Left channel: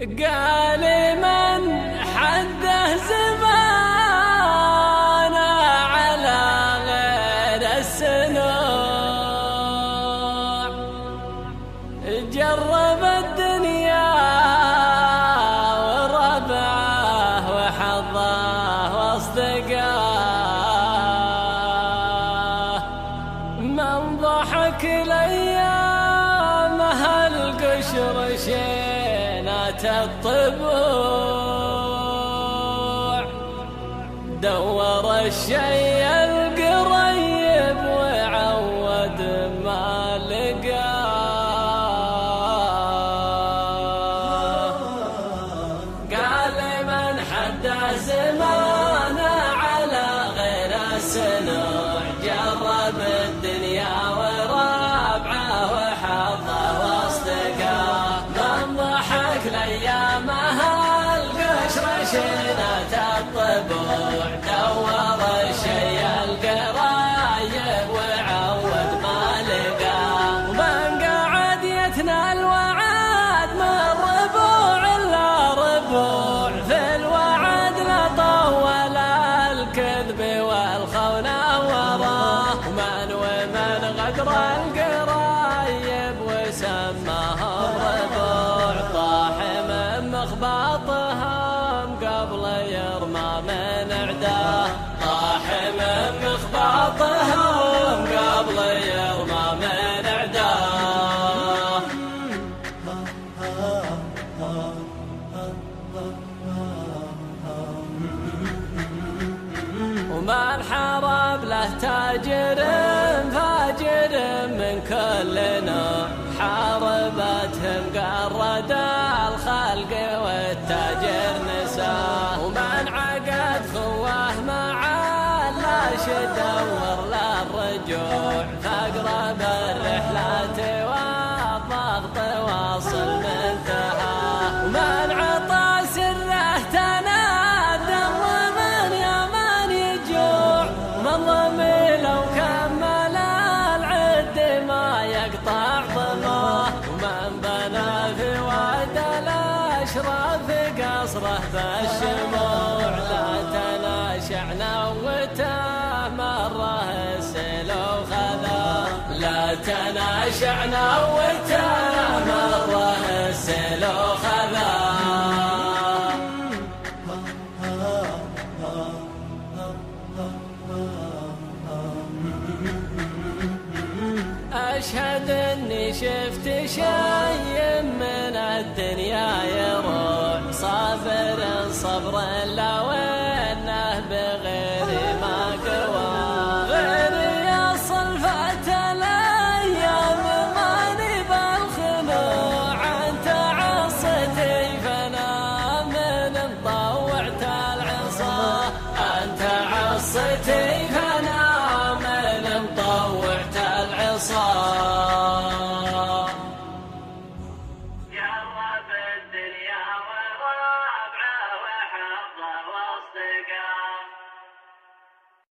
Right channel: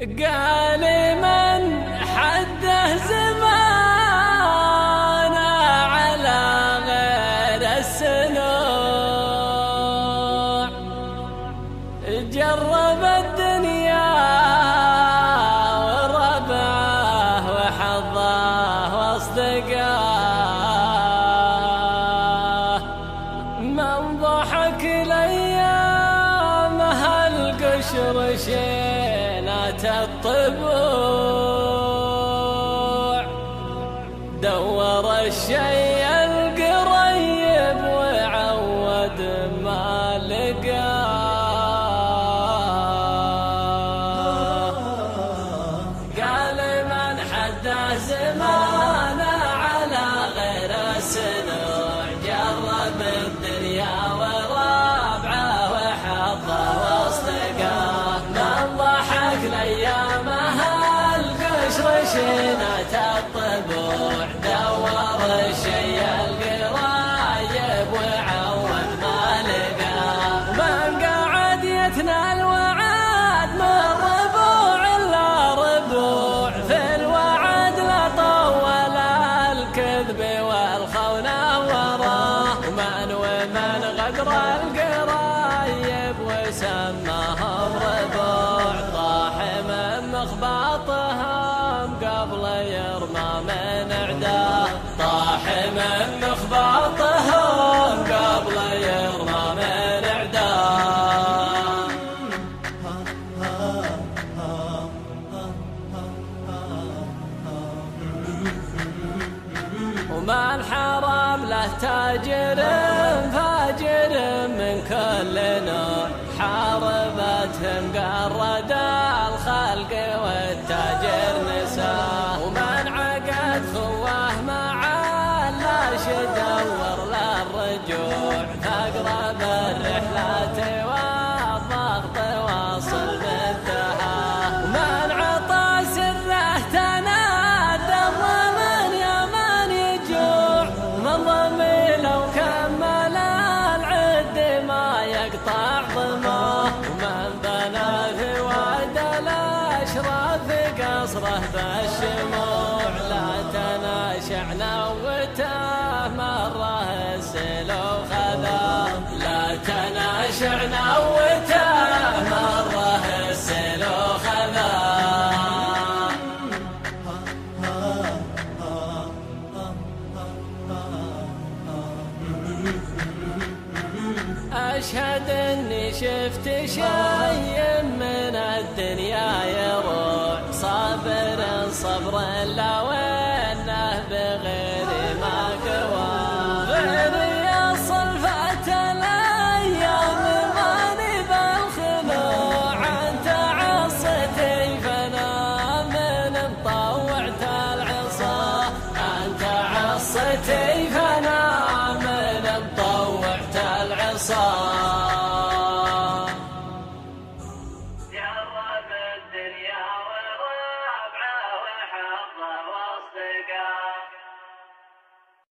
قال من حده زمانه على غير السنوع، جرب الدنيا وربعه وحظه واصدقاه، من ضحك لأيامها القشر شينات الطبوع، دور الشي القريب وعود ما لقاه. قال من حده زمانه على غير السنوع، جرب الدنيا وربعه وحظه واصدقاه، من ضحك لأيامها القشر شينات الطبوع، دور الشي القريب وعود ما لقاه، ومن قعد يتنى الوعد من ربوع إلا ربوع، في الوعد لا طول الكذب والخونة وراه، ومن غدر القرايب وسماهم ربوع، طاح من مخباطهم قبل يرمى من عداه، طاح من مخباطهم قبل يرمى من عداه. ومن حرب له تاجر فاجر من كل نوع، حاربتهم قرد الخلق والتاجر نساه، ومن عقد خواه مع اللاش دور للرجوع، فاقرب الرحلات والضغط واصل منتهاه، ومن عطى سره تنادم ومن يمن يجوع، من ضمن لو كمل العد ما يقطع ضماه، ومن بنى في واد الأشراف قصره بالشموع، لا تناشع نوته مره السلو خذاه، لا تناشع نوته مره السلو خذاه. أشهد إني شفت شيء من الدنيا يروع، صابر صبر لو إنه بغير ما قوى، غير يصل فات الأيام ماني بالخنوع، أنت عصتي فأنا من مطوعت العين.